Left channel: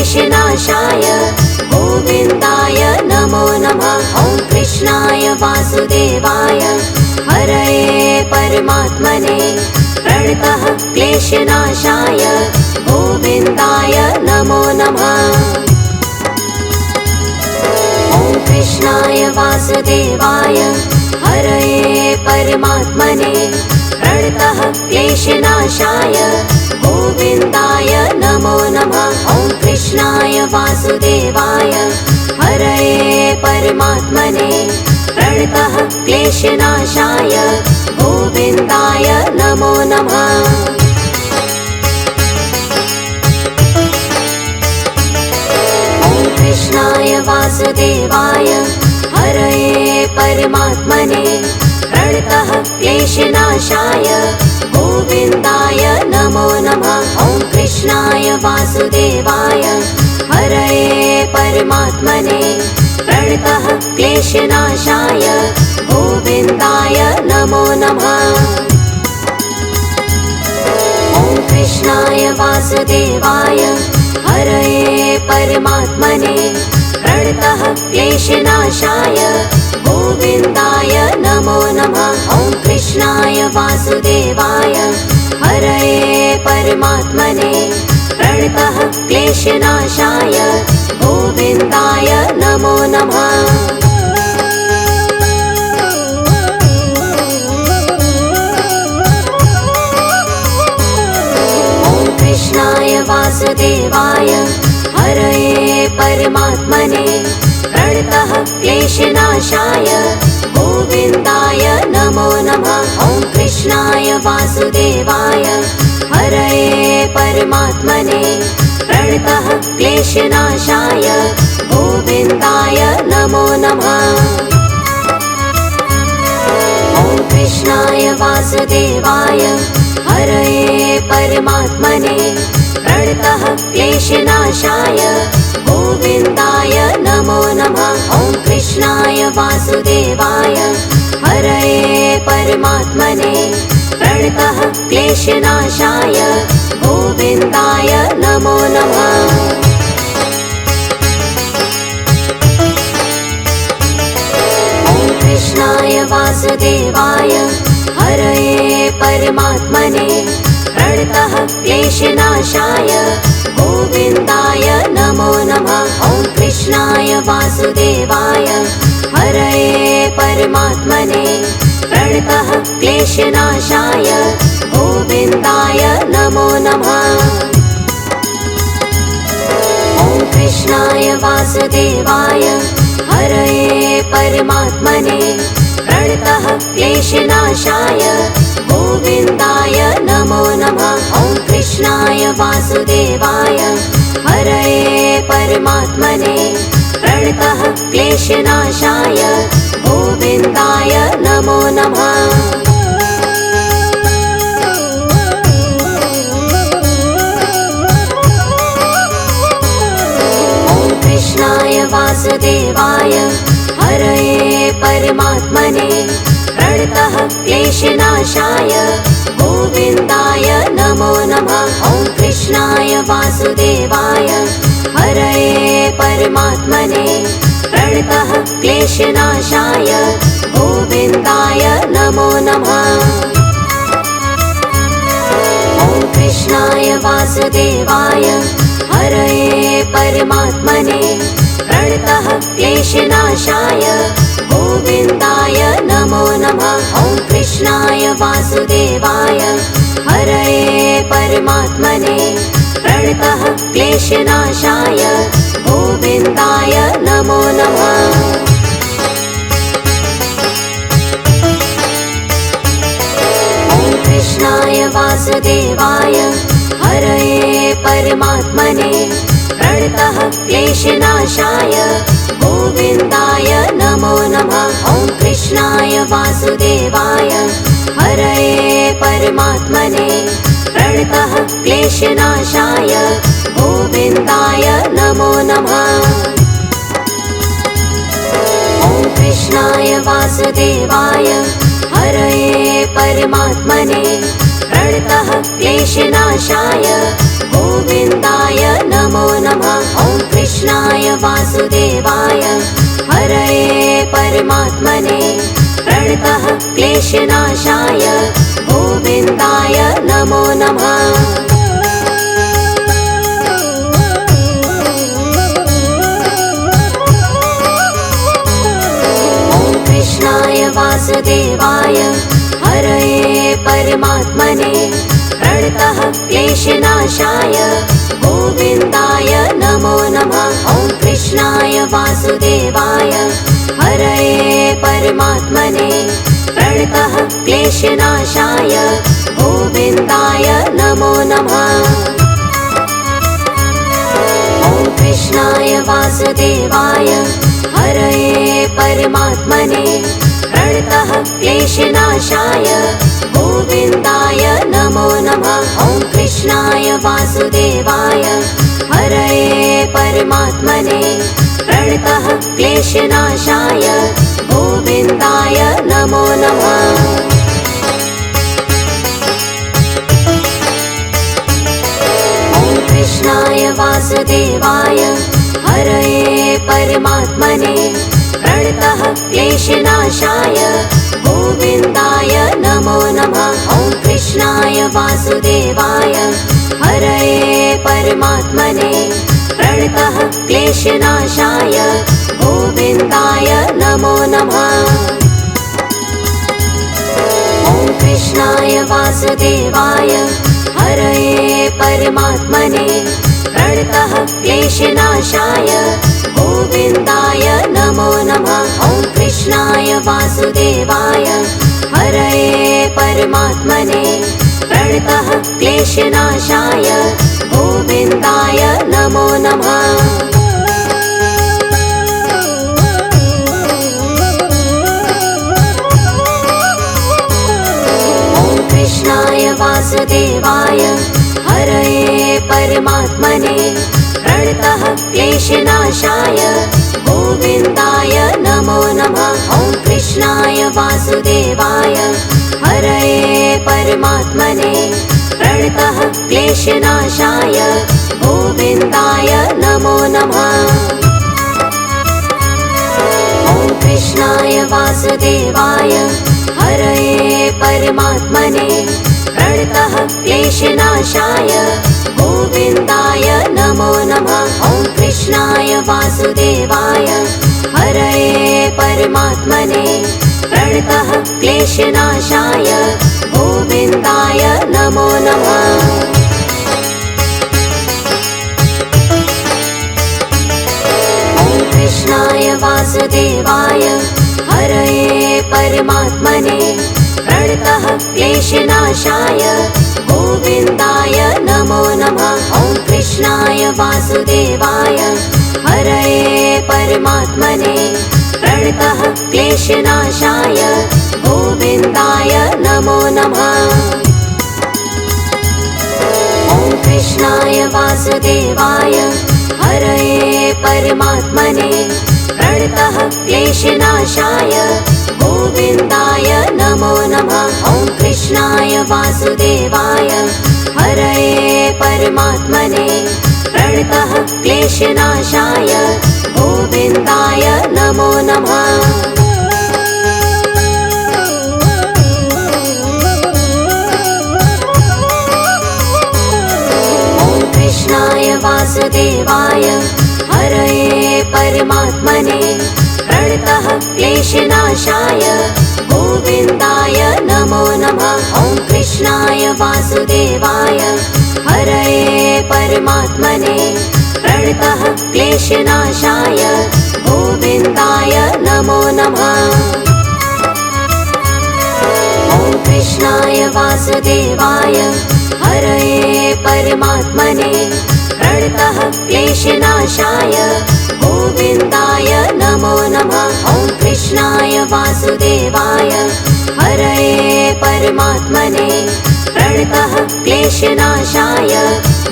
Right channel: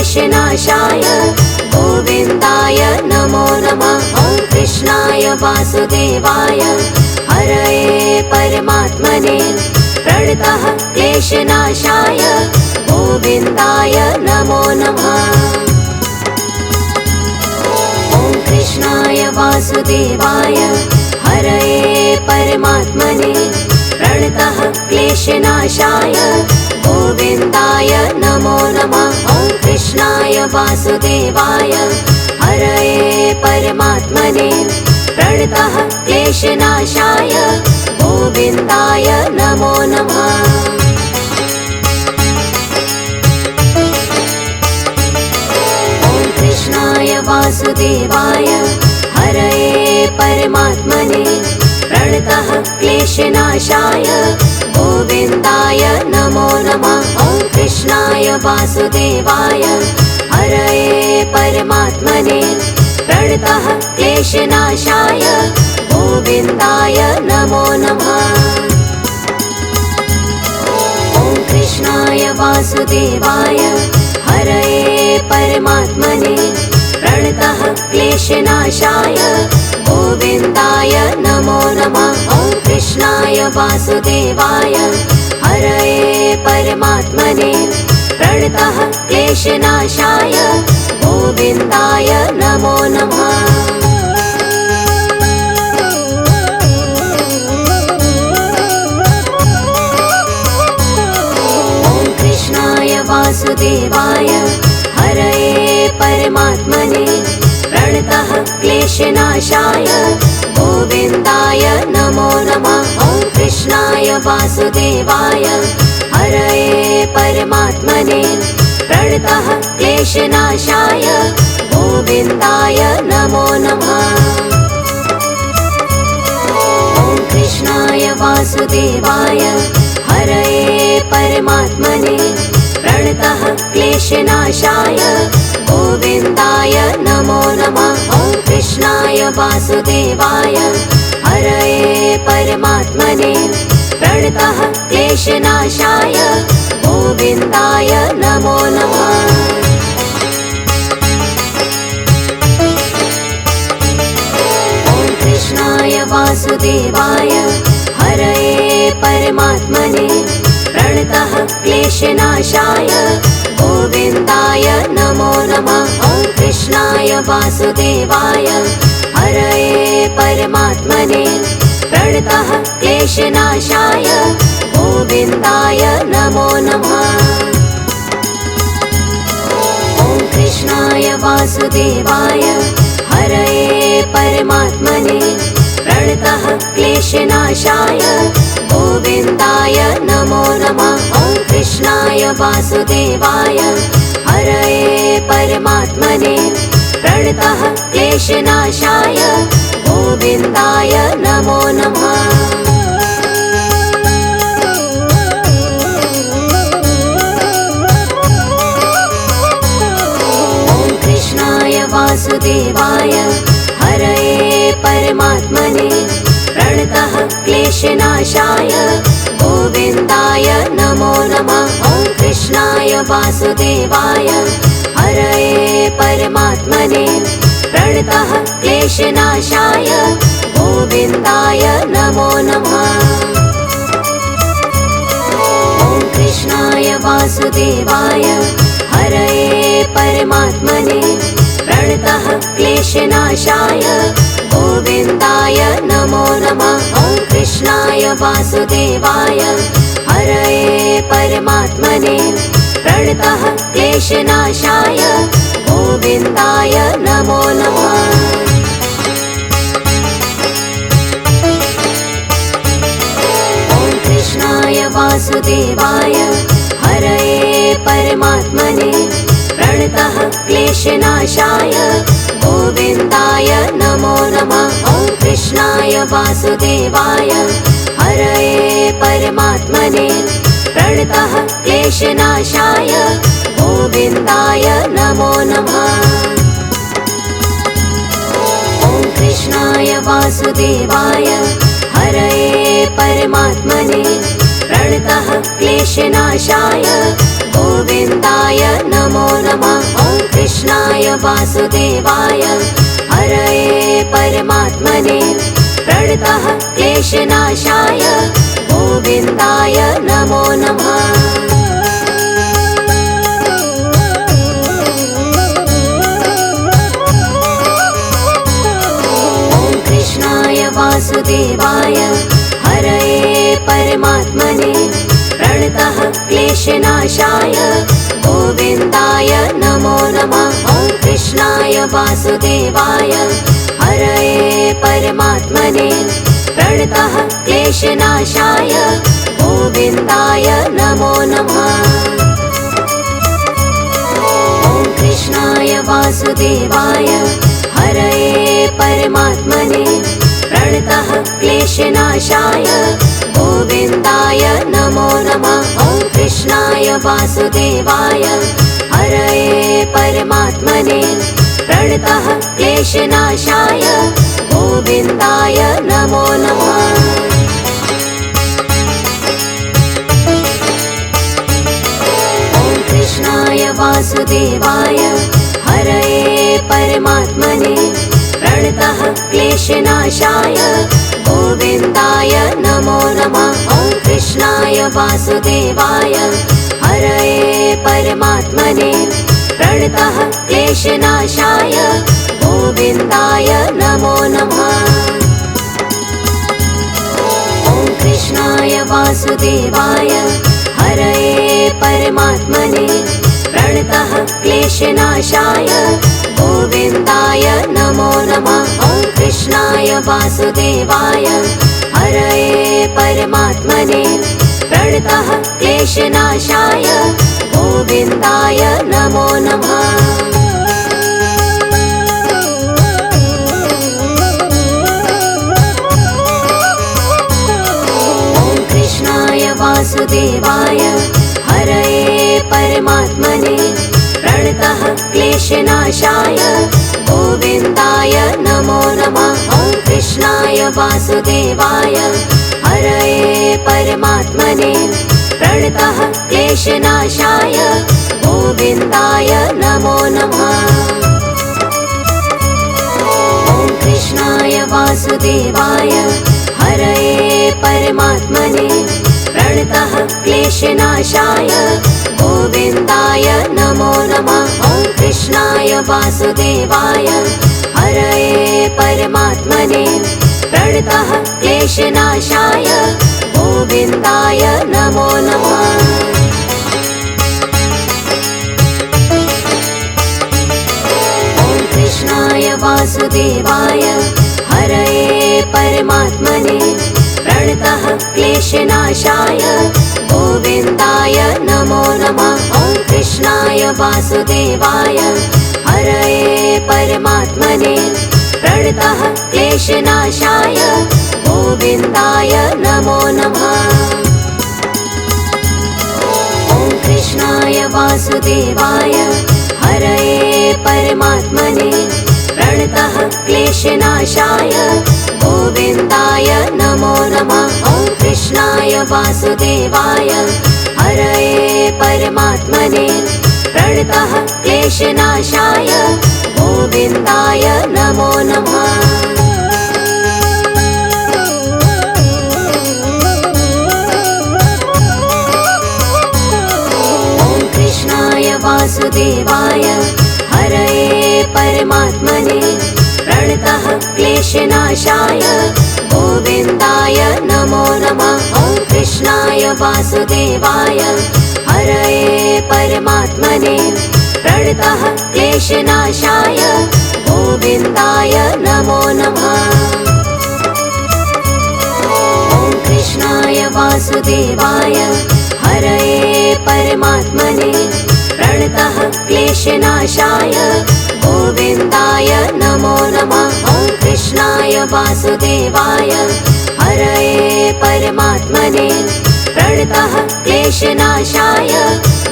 क्लेशनाशाय गोविन्दाय नमो नमः। ॐ कृष्णाय वासुदेवाय हरये परमात्मने प्रणतः क्लेशनाशाय गोविन्दाय नमो नमः। ॐ कृष्णाय वासुदेवाय हरये परमात्मने प्रणतः क्लेशनाशाय गोविन्दाय नमो नमः। ॐ कृष्णाय वासुदेवाय हरये परमात्मने प्रणतः क्लेशनाशाय गोविन्दाय नमो नमः। ॐ कृष्णाय वासुदेवाय हरये परमात्मने प्रणतः क्लेशनाशाय गोविन्दाय नमो नमः। ॐ कृष्णाय वासुदेवाय हरये परमात्मने प्रणतः क्लेशनाशाय गोविन्दाय नमो नमः। ॐ कृष्णाय वासुदेवाय हरये परमात्मने प्रणतः क्लेशनाशाय गोविन्दाय नमो नमः। ॐ कृष्णाय वासुदेवाय हरये परमात्मने प्रणतः क्लेशनाशाय गोविन्दाय नमो नमः। ॐ कृष्णाय वासुदेवाय हरये परमात्मने प्रणतः क्लेशनाशाय गोविन्दाय नमो नमः। ॐ कृष्णाय वासुदेवाय हरये परमात्मने प्रणतः क्लेशनाशाय गोविन्दाय नमो नमः। ॐ कृष्णाय वासुदेवाय हरये परमात्मने प्रणतः क्लेशनाशाय गोविन्दाय नमो नमः। ॐ कृष्णाय वासुदेवाय हरये परमात्मने प्रणतः क्लेशनाशाय गोविन्दाय नमो नमः। ॐ कृष्णाय वासुदेवाय हरये परमात्मने प्रणतः क्लेशनाशाय गोविन्दाय नमो नमः। ॐ कृष्णाय वासुदेवाय हरये परमात्मने प्रणतः क्लेशनाशाय गोविन्दाय नमो नमः। ॐ कृष्णाय वासुदेवाय हरये परमात्मने प्रणतः क्लेशनाशाय गोविन्दाय नमो नमः। ॐ कृष्णाय वासुदेवाय हरये परमात्मने प्रणतः क्लेशनाशाय गोविन्दाय नमो नमः। ॐ कृष्णाय वासुदेवाय हरये परमात्मने प्रणतः क्लेशनाशाय गोविन्दाय नमो नमः। ॐ कृष्णाय वासुदेवाय हरये परमात्मने प्रणतः क्लेशनाशाय गोविन्दाय नमो नमः। ॐ कृष्णाय वासुदेवाय हरये परमात्मने प्रणतः क्लेशनाशाय गोविन्दाय नमो नमः। ॐ कृष्णाय वासुदेवाय हरये परमात्मने प्रणतः क्लेशनाशाय गोविन्दाय नमो नमः। ॐ कृष्णाय वासुदेवाय हरये परमात्मने प्रणतः क्लेशनाशाय गोविन्दाय नमो नमः। ॐ कृष्णाय वासुदेवाय हरये परमात्मने प्रणतः क्लेशनाशाय गोविन्दाय नमो नमः। ॐ कृष्णाय वासुदेवाय हरये परमात्मने प्रणतः क्लेशनाशाय गोविन्दाय नमो नमः। वासुदेवाय हरये परमात्मने प्रणतः क्लेशनाशाय गोविन्दाय नमो नमः। वासुदेवाय हरये परमात्मने प्रणतः क्लेशनाशाय गोविन्दाय नमो नमः। ॐ कृष्णाय वासुदेवाय हरये परमात्मने प्रणतः क्लेशनाशाय गोविन्दाय नमो नमः। ॐ कृष्णाय वासुदेवाय हरये परमात्मने प्रणतः क्लेशनाशाय गोविन्दाय नमो नमः। ॐ कृष्णाय वासुदेवाय हरये परमात्मने प्रणतः क्लेशनाशाय गोविन्दाय नमो नमः। ॐ कृष्णाय वासुदेवाय हरये परमात्मने प्रणतः क्लेशनाशाय गोविन्दाय नमो नमः। ॐ कृष्णाय वासुदेवाय हरये परमात्मने प्रणतः क्लेशनाशाय गोविन्दाय नमो नमः। ॐ कृष्णाय वासुदेवाय हरये परमात्मने प्रणतः क्लेशनाशाय गोविन्दाय नमो नमः। ॐ कृष्णाय वासुदेवाय हरये परमात्मने प्रणतः क्लेशनाशाय गोविन्दाय नमो नमः। ॐ कृष्णाय वासुदेवाय हरये परमात्मने प्रणतः क्लेशनाशाय गोविन्दाय नमो नमः। ॐ कृष्णाय वासुदेवाय हरये परमात्मने प्रणतः क्लेशनाशाय गोविन्दाय नमो नमः। ॐ कृष्णाय वासुदेवाय हरये परमात्मने प्रणतः क्लेशनाशाय गोविन्दाय नमो नमः। ॐ कृष्णाय वासुदेवाय हरये परमात्मने प्रणतः क्लेशनाशाय गोविन्दाय नमो नमः। ॐ कृष्णाय वासुदेवाय हरये परमात्मने प्रणतः क्लेशनाशाय गोविन्दाय नमो नमः। ॐ कृष्णाय वासुदेवाय हरये परमात्मने प्रणतः क्लेशनाशाय गोविन्दाय नमो नमः। ॐ कृष्णाय वासुदेवाय हरये परमात्मने प्रणतः क्लेशनाशाय गोविन्दाय नमो नमः। ॐ कृष्णाय वासुदेवाय हरये परमात्मने प्रणतः क्लेशनाशाय गोविन्दाय नमो नमः। ॐ कृष्णाय वासुदेवाय हरये परमात्मने प्रणतः क्लेशनाशाय गोविन्दाय नमो नमः। ॐ कृष्णाय वासुदेवाय हरये परमात्मने प्रणतः क्लेशनाशाय गोविन्दाय नमो नमः। ॐ कृष्णाय वासुदेवाय हरये परमात्मने प्रणतः क्लेशनाशाय गोविन्दाय नमो नमः। ॐ कृष्णाय वासुदेवाय हरये परमात्मने प्रणतः क्लेशनाशाय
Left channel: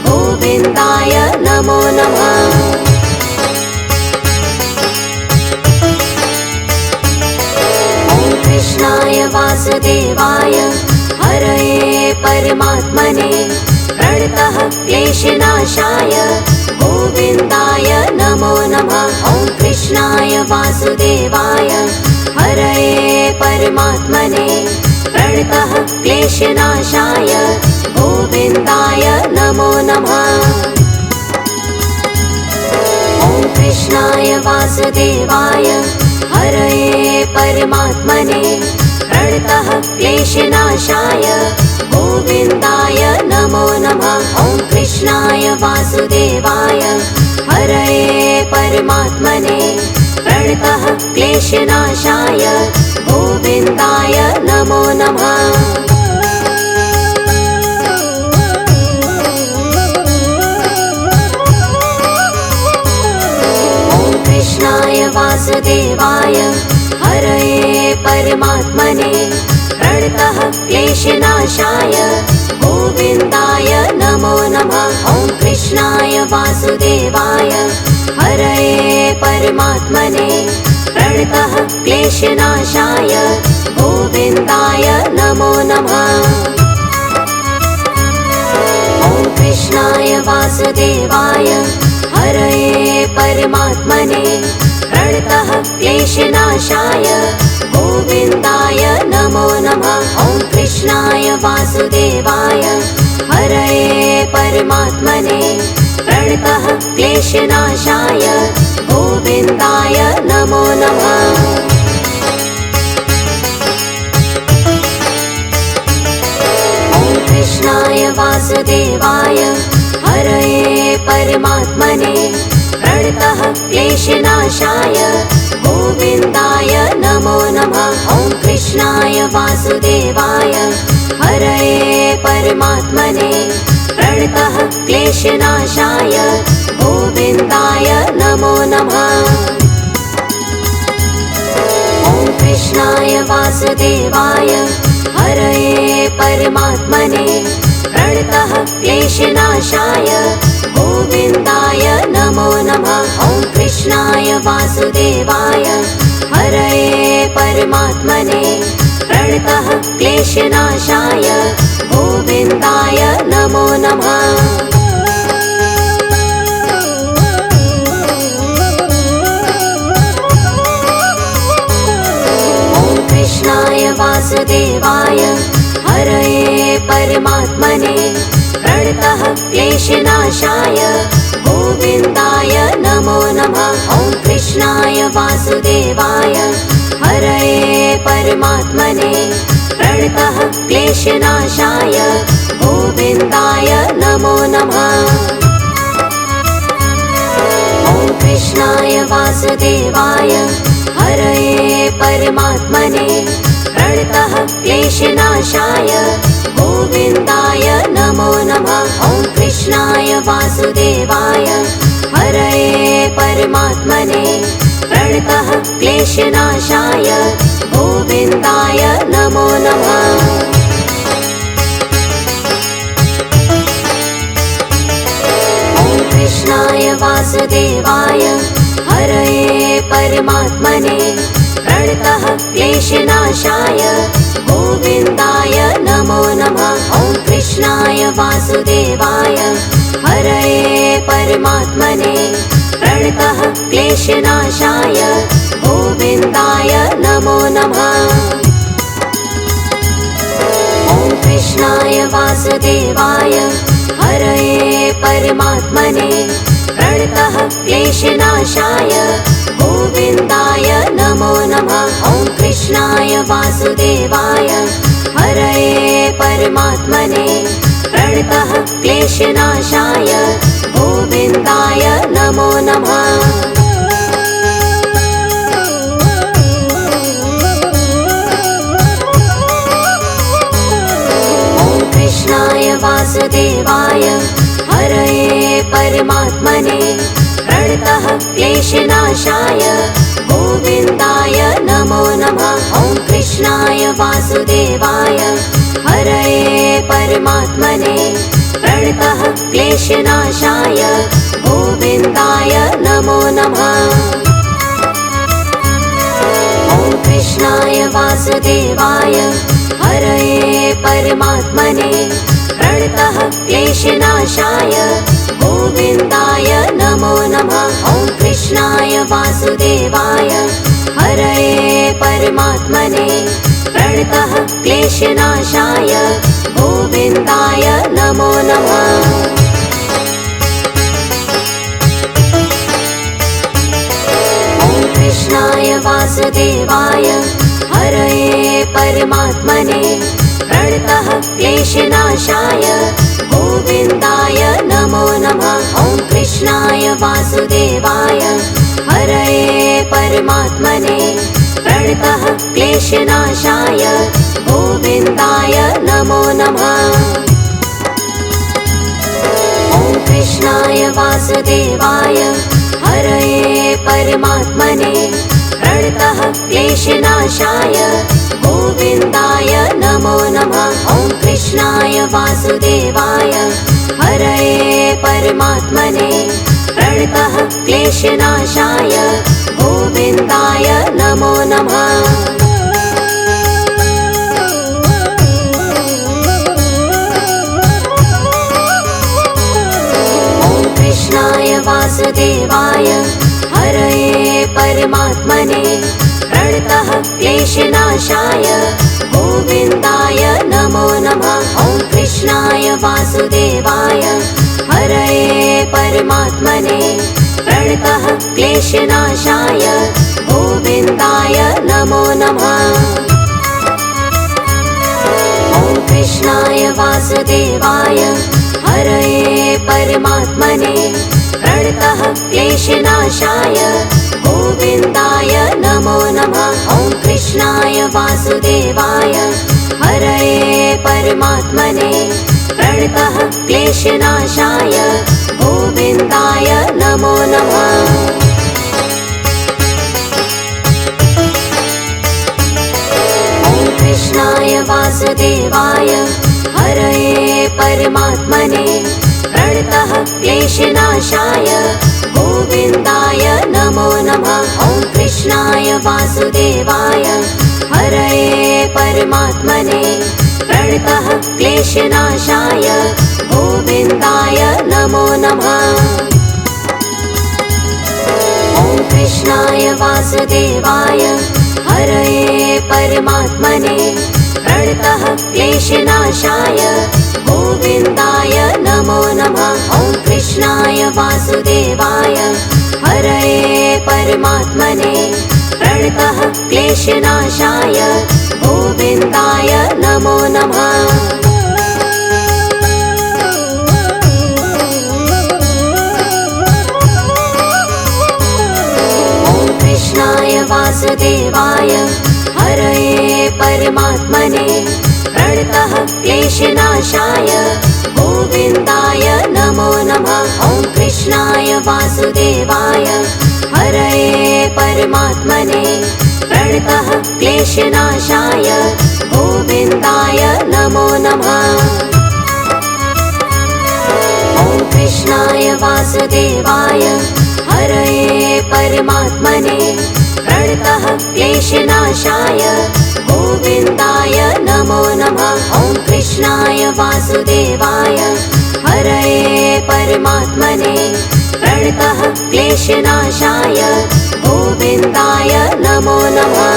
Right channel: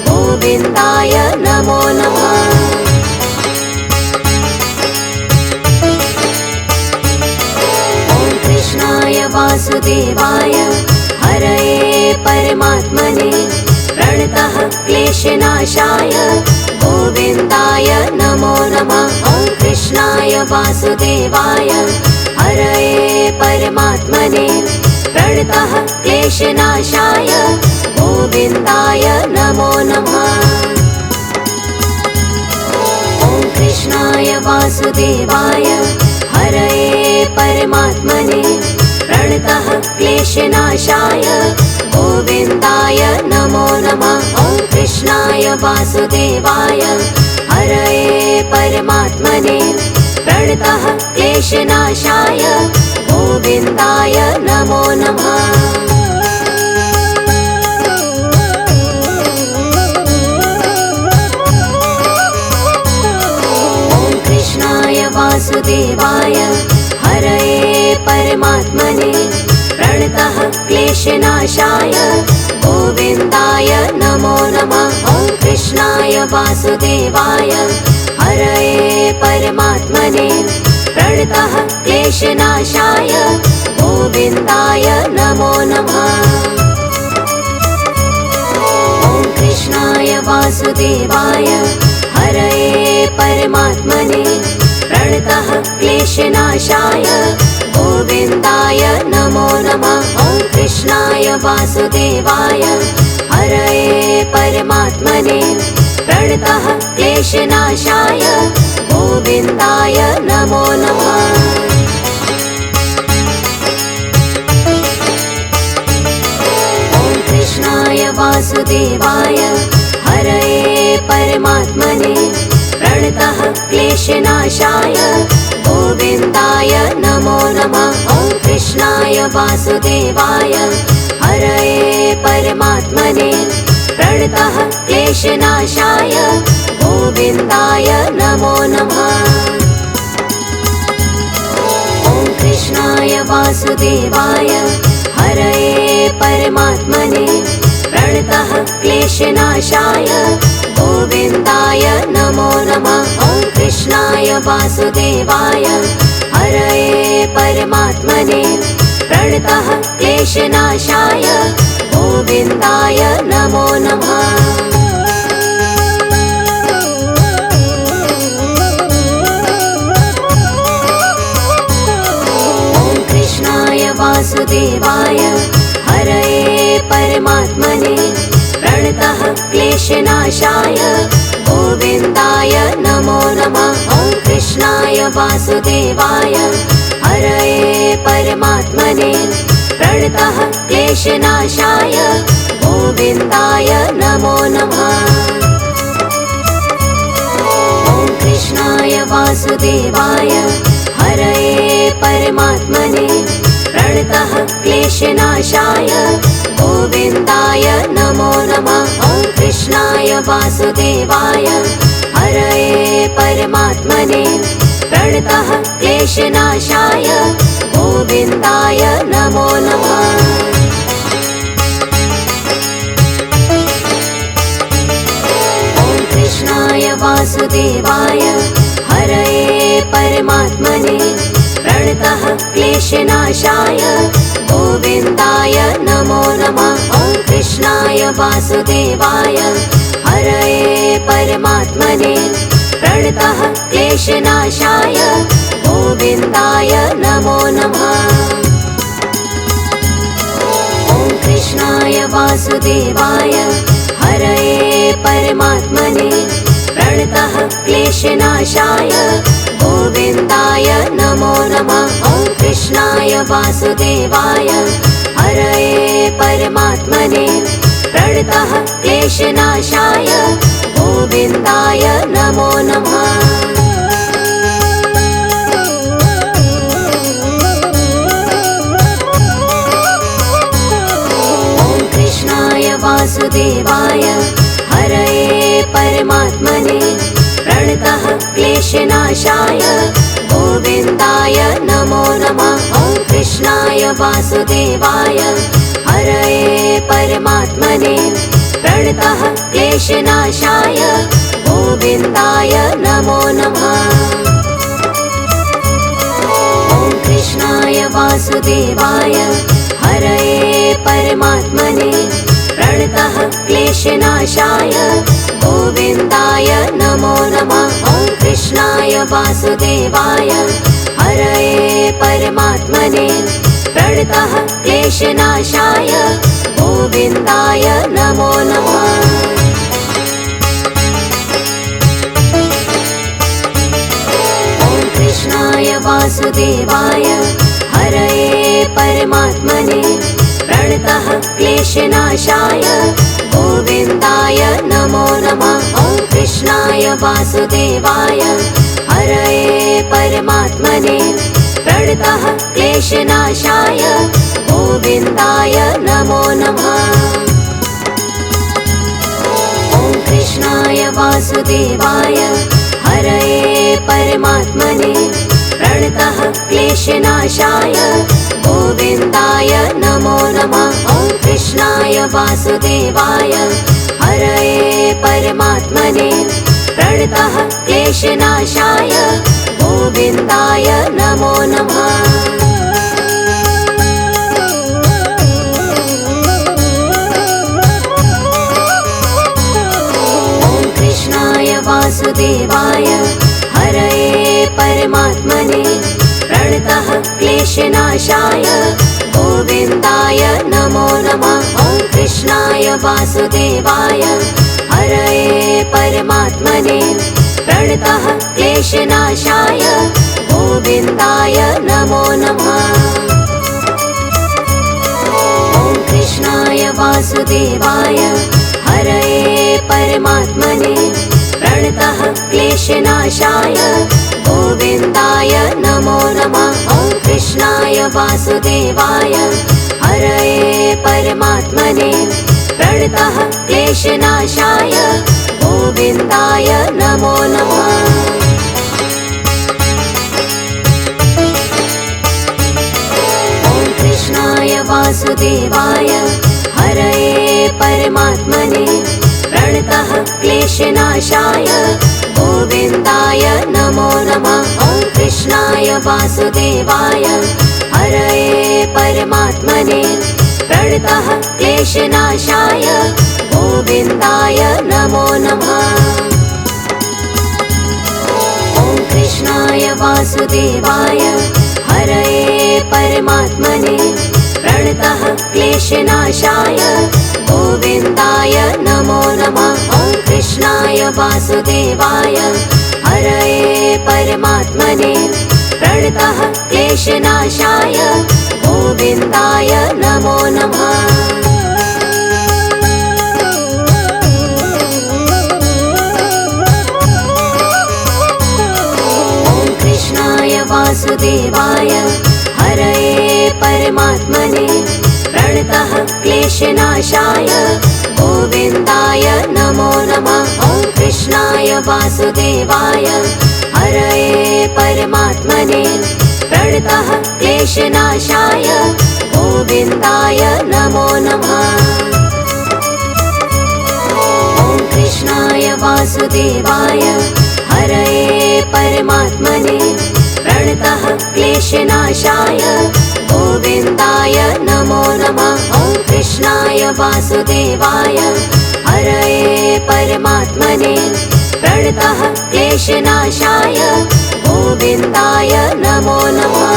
गोविन्दाय नमो नमः। ॐ कृष्णाय वासुदेवाय हरये परमात्मने प्रणतः क्लेशनाशाय गोविन्दाय नमो नमः। वासुदेवाय हरये परमात्मने प्रणतः क्लेशनाशाय गोविन्दाय नमो नमः। ॐ कृष्णाय वासुदेवाय हरये परमात्मने प्रणतः क्लेशनाशाय गोविन्दाय नमो नमः। ॐ कृष्णाय वासुदेवाय हरये परमात्मने प्रणतः क्लेशनाशाय गोविन्दाय नमो नमः। ॐ कृष्णाय वासुदेवाय हरये परमात्मने प्रणतः क्लेशनाशाय गोविन्दाय नमो नमः। ॐ कृष्णाय वासुदेवाय हरये परमात्मने प्रणतः क्लेशनाशाय गोविन्दाय नमो नमः। ॐ कृष्णाय वासुदेवाय हरये परमात्मने प्रणतः क्लेशनाशाय गोविन्दाय नमो नमः। ॐ कृष्णाय वासुदेवाय हरये परमात्मने प्रणतः क्लेशनाशाय गोविन्दाय नमो नमः। ॐ कृष्णाय वासुदेवाय हरये परमात्मने प्रणतः क्लेशनाशाय गोविन्दाय नमो नमः। ॐ कृष्णाय वासुदेवाय हरये परमात्मने प्रणतः क्लेशनाशाय गोविन्दाय नमो नमः। ॐ कृष्णाय वासुदेवाय हरये परमात्मने प्रणतः क्लेशनाशाय गोविन्दाय नमो नमः। ॐ कृष्णाय वासुदेवाय हरये परमात्मने प्रणतः क्लेशनाशाय गोविन्दाय नमो नमः। ॐ कृष्णाय वासुदेवाय हरये परमात्मने प्रणतः क्लेशनाशाय गोविन्दाय नमो नमः। ॐ कृष्णाय वासुदेवाय हरये परमात्मने प्रणतः क्लेशनाशाय गोविन्दाय नमो नमः। ॐ कृष्णाय वासुदेवाय हरये परमात्मने प्रणतः क्लेशनाशाय गोविन्दाय नमो नमः। ॐ कृष्णाय वासुदेवाय हरये परमात्मने प्रणतः क्लेशनाशाय गोविन्दाय नमो नमः। ॐ कृष्णाय वासुदेवाय हरये परमात्मने प्रणतः क्लेशनाशाय गोविन्दाय नमो नमः। ॐ कृष्णाय वासुदेवाय हरये परमात्मने प्रणतः क्लेशनाशाय गोविन्दाय नमो नमः। ॐ कृष्णाय वासुदेवाय हरये परमात्मने प्रणतः क्लेशनाशाय गोविन्दाय नमो नमः। ॐ कृष्णाय वासुदेवाय हरये परमात्मने प्रणतः क्लेशनाशाय गोविन्दाय नमो नमः। ॐ कृष्णाय वासुदेवाय हरये परमात्मने प्रणतः क्लेशनाशाय गोविन्दाय नमो नमः। ॐ कृष्णाय वासुदेवाय हरये परमात्मने प्रणतः क्लेशनाशाय गोविन्दाय नमो नमः। ॐ कृष्णाय वासुदेवाय हरये परमात्मने प्रणतः क्लेशनाशाय गोविन्दाय नमो नमः। ॐ कृष्णाय वासुदेवाय क्लेशनाशाय गोविन्दाय नमो नमः। कृष्णाय वासुदेवाय हरये परमात्मने प्रणतः क्लेशनाशाय गोविन्दाय नमो नमः। ॐ कृष्णाय वासुदेवाय हरये परमात्मने प्रणतः क्लेशनाशाय गोविन्दाय नमो नमः। ॐ कृष्णाय वासुदेवाय हरये परमात्मने प्रणतः क्लेशनाशाय गोविन्दाय नमो नमः। ॐ कृष्णाय वासुदेवाय हरये परमात्मने प्रणतः क्लेशनाशाय गोविन्दाय नमो नमः। वासुदेवाय हरये परमात्मने प्रणतः क्लेशनाशाय गोविन्दाय नमो नमः। ॐ कृष्णाय वासुदेवाय हरये परमात्मने प्रणतः क्लेशनाशाय गोविन्दाय नमो नमः। ॐ कृष्णाय वासुदेवाय हरये परमात्मने प्रणतः क्लेशनाशाय गोविन्दाय नमो नमः। ॐ कृष्णाय वासुदेवाय हरये परमात्मने प्रणतः क्लेशनाशाय गोविन्दाय नमो नमः। ॐ कृष्णाय वासुदेवाय हरये परमात्मने प्रणतः क्लेशनाशाय गोविन्दाय नमो नमः। ॐ कृष्णाय वासुदेवाय हरये परमात्मने प्रणतः क्लेशनाशाय गोविन्दाय नमो नमः। ॐ कृष्णाय वासुदेवाय हरये परमात्मने प्रणतः क्लेशनाशाय गोविन्दाय नमो नमः। ॐ कृष्णाय वासुदेवाय हरये परमात्मने प्रणतः क्लेशनाशाय गोविन्दाय नमो नमः। ॐ कृष्णाय वासुदेवाय हरये परमात्मने प्रणतः क्लेशनाशाय गोविन्दाय नमो नमः। ॐ कृष्णाय वासुदेवाय हरये परमात्मने प्रणतः क्लेशनाशाय गोविन्दाय नमो नमः। ॐ कृष्णाय वासुदेवाय हरये परमात्मने प्रणतः क्लेशनाशाय गोविन्दाय नमो नमः। ॐ कृष्णाय वासुदेवाय हरये परमात्मने प्रणतः क्लेशनाशाय गोविन्दाय नमो नमः।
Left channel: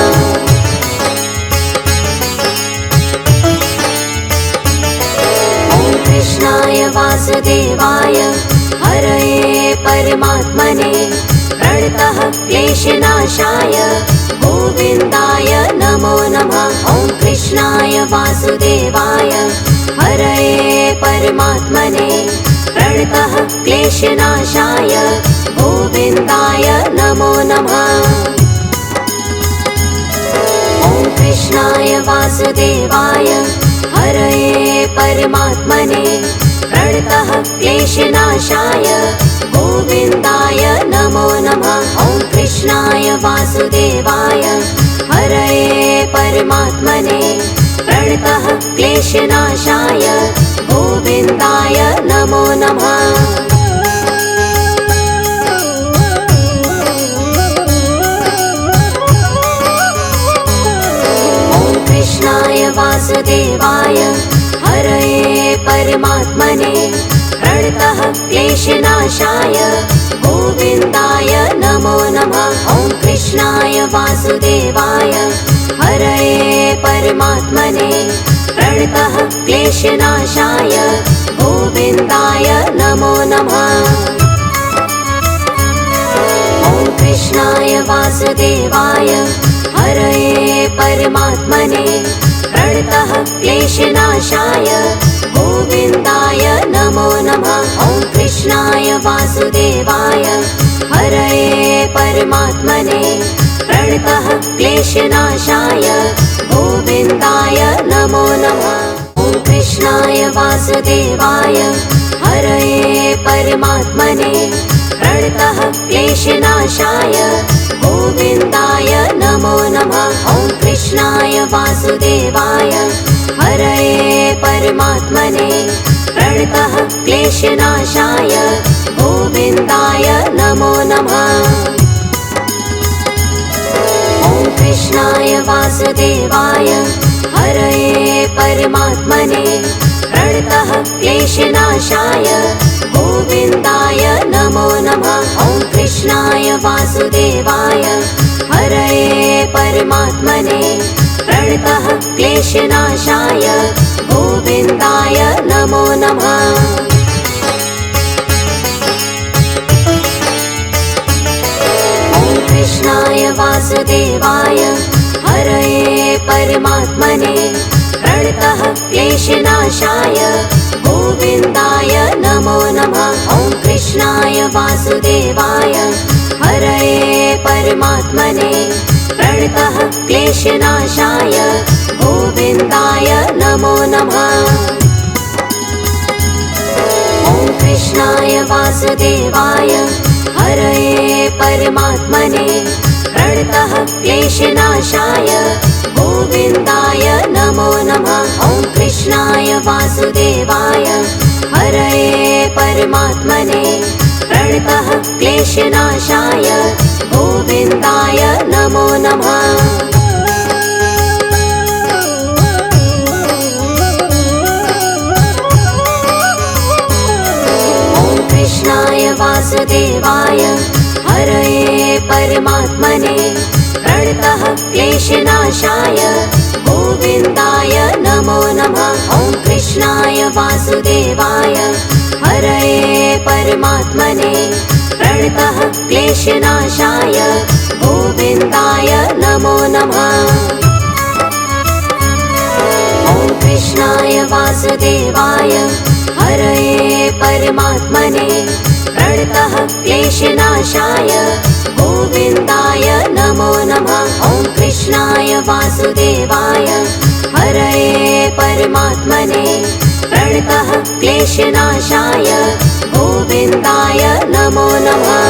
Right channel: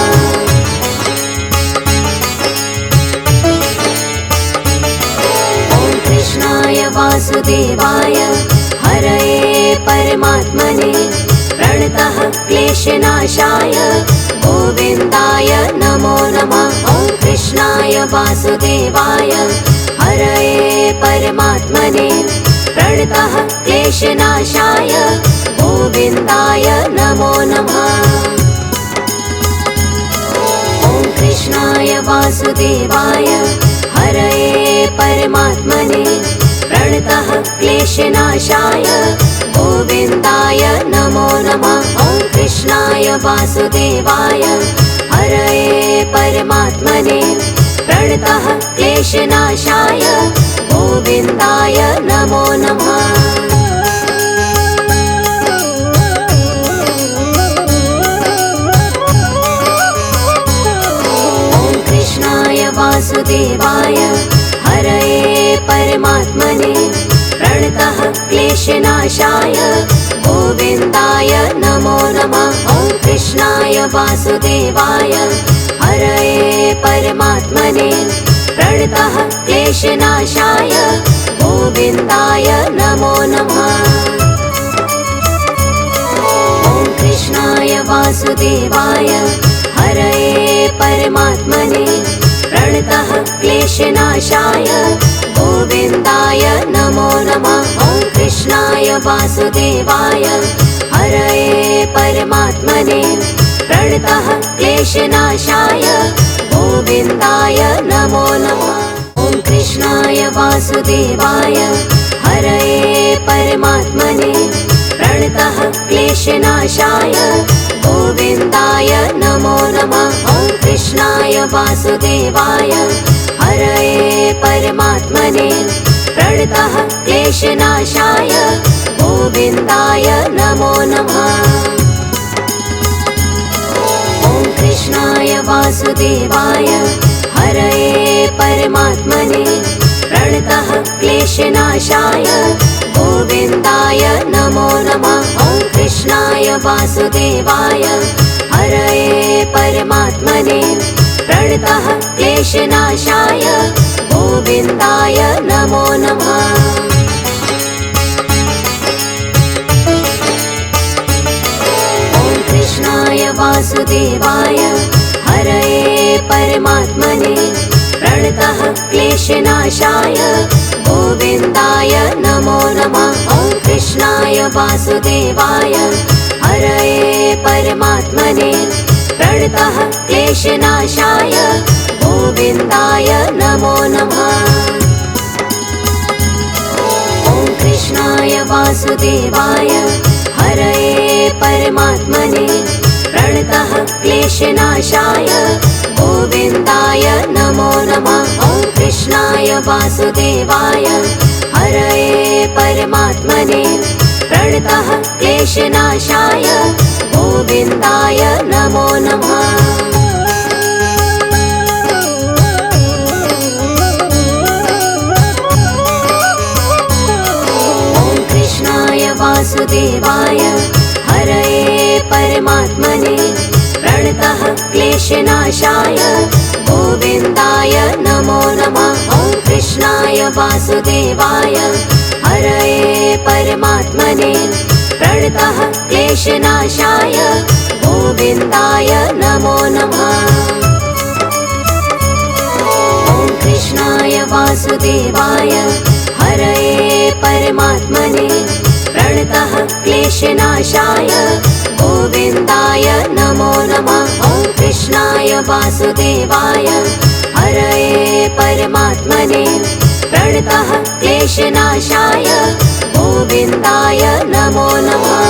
ॐ कृष्णाय वासुदेवाय हरये परमात्मने प्रणतः क्लेशनाशाय गोविन्दाय नमो नमः। ॐ कृष्णाय वासुदेवाय हरये परमात्मने प्रणतः क्लेशनाशाय गोविन्दाय नमो नमः। ॐ कृष्णाय वासुदेवाय हरये परमात्मने प्रणतः क्लेशनाशाय गोविन्दाय नमो नमः। ॐ कृष्णाय वासुदेवाय हरये परमात्मने प्रणतः क्लेशनाशाय गोविन्दाय नमो नमः। वासुदेवाय हरये परमात्मने प्रणतः क्लेशनाशाय गोविन्दाय नमो नमः। ॐ कृष्णाय वासुदेवाय हरये परमात्मने प्रणतः क्लेशनाशाय गोविन्दाय नमो नमः। ॐ कृष्णाय वासुदेवाय हरये परमात्मने प्रणतः क्लेशनाशाय गोविन्दाय नमो नमः। ॐ कृष्णाय वासुदेवाय हरये परमात्मने प्रणतः क्लेशनाशाय गोविन्दाय नमो नमः। ॐ कृष्णाय वासुदेवाय हरये परमात्मने प्रणतः क्लेशनाशाय गोविन्दाय नमो नमः। ॐ कृष्णाय वासुदेवाय हरये परमात्मने प्रणतः क्लेशनाशाय गोविन्दाय नमो नमः। ॐ कृष्णाय वासुदेवाय हरये परमात्मने प्रणतः क्लेशनाशाय गोविन्दाय नमो नमः। ॐ कृष्णाय वासुदेवाय हरये परमात्मने प्रणतः क्लेशनाशाय गोविन्दाय नमो नमः। ॐ कृष्णाय वासुदेवाय हरये परमात्मने प्रणतः क्लेशनाशाय गोविन्दाय नमो नमः। ॐ कृष्णाय वासुदेवाय हरये परमात्मने प्रणतः क्लेशनाशाय गोविन्दाय नमो नमः। ॐ कृष्णाय वासुदेवाय हरये परमात्मने प्रणतः क्लेशनाशाय गोविन्दाय नमो नमः। ॐ कृष्णाय वासुदेवाय हरये परमात्मने प्रणतः क्लेशनाशाय गोविन्दाय नमो नमः। ॐ कृष्णाय वासुदेवाय हरये परमात्मने प्रणतः क्लेशनाशाय गोविन्दाय नमो नमः। ॐ कृष्णाय वासुदेवाय हरये परमात्मने प्रणतः क्लेशनाशाय गोविन्दाय नमो नमः। ॐ कृष्णाय वासुदेवाय हरये परमात्मने प्रणतः क्लेशनाशाय गोविन्दाय नमो नमः। ॐ कृष्णाय वासुदेवाय हरये परमात्मने प्रणतः क्लेशनाशाय गोविन्दाय नमो नमः।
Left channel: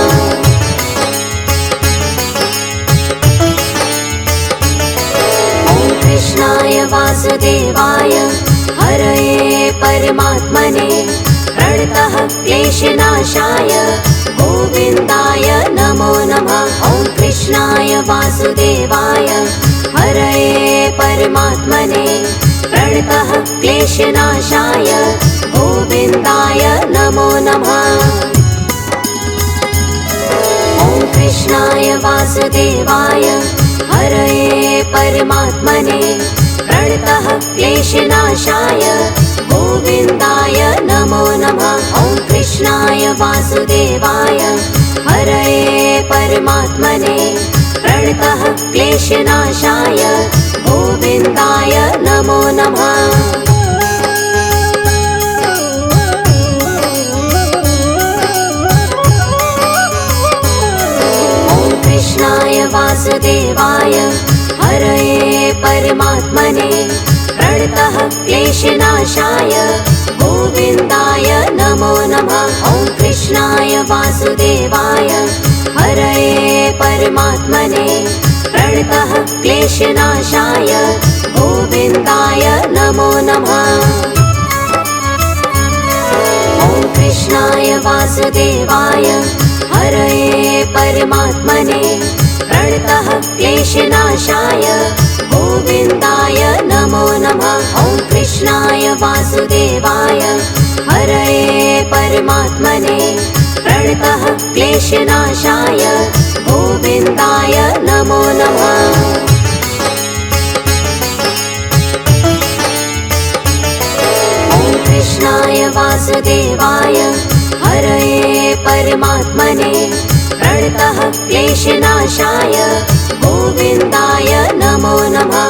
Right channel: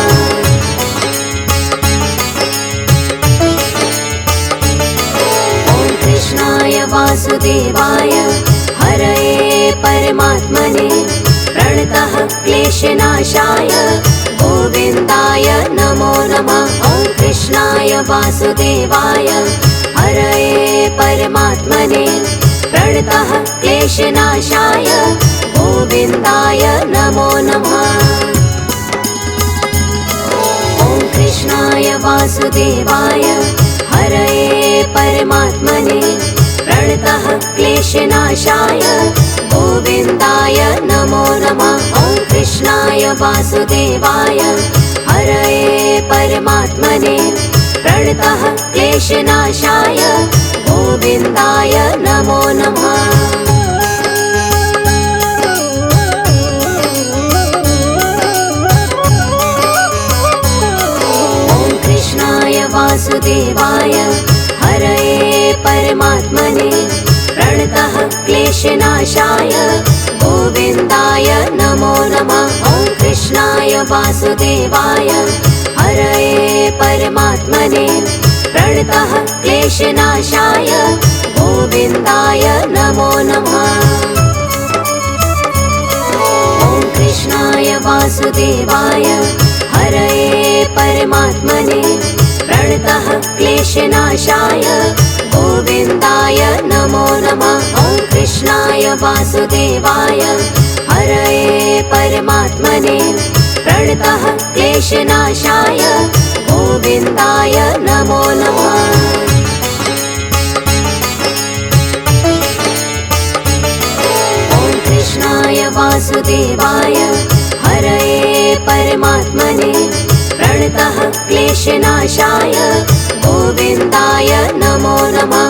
ॐ कृष्णाय वासुदेवाय हरये परमात्मने प्रणतः क्लेशनाशाय गोविन्दाय नमो नमः। ॐ कृष्णाय वासुदेवाय हरये परमात्मने प्रणतः क्लेशनाशाय गोविन्दाय नमो नमः। ॐ कृष्णाय वासुदेवाय हरये परमात्मने प्रणतः क्लेशनाशाय गोविन्दाय नमो नमः। ॐ कृष्णाय वासुदेवाय हरये परमात्मने प्रणतः क्लेशनाशाय गोविन्दाय नमो नमः। ॐ कृष्णाय वासुदेवाय हरये परमात्मने प्रणतः क्लेशनाशाय गोविन्दाय नमो नमः। ॐ कृष्णाय वासुदेवाय हरये परमात्मने प्रणतः क्लेशनाशाय गोविन्दाय नमो नमः। ॐ कृष्णाय वासुदेवाय हरये परमात्मने प्रणतः क्लेशनाशाय गोविन्दाय नमो नमः। ॐ कृष्णाय वासुदेवाय हरये परमात्मने प्रणतः क्लेशनाशाय गोविन्दाय नमो नमः। वासुदेवाय हरये परमात्मने प्रणतः क्लेशनाशाय गोविन्दाय नमो नमः।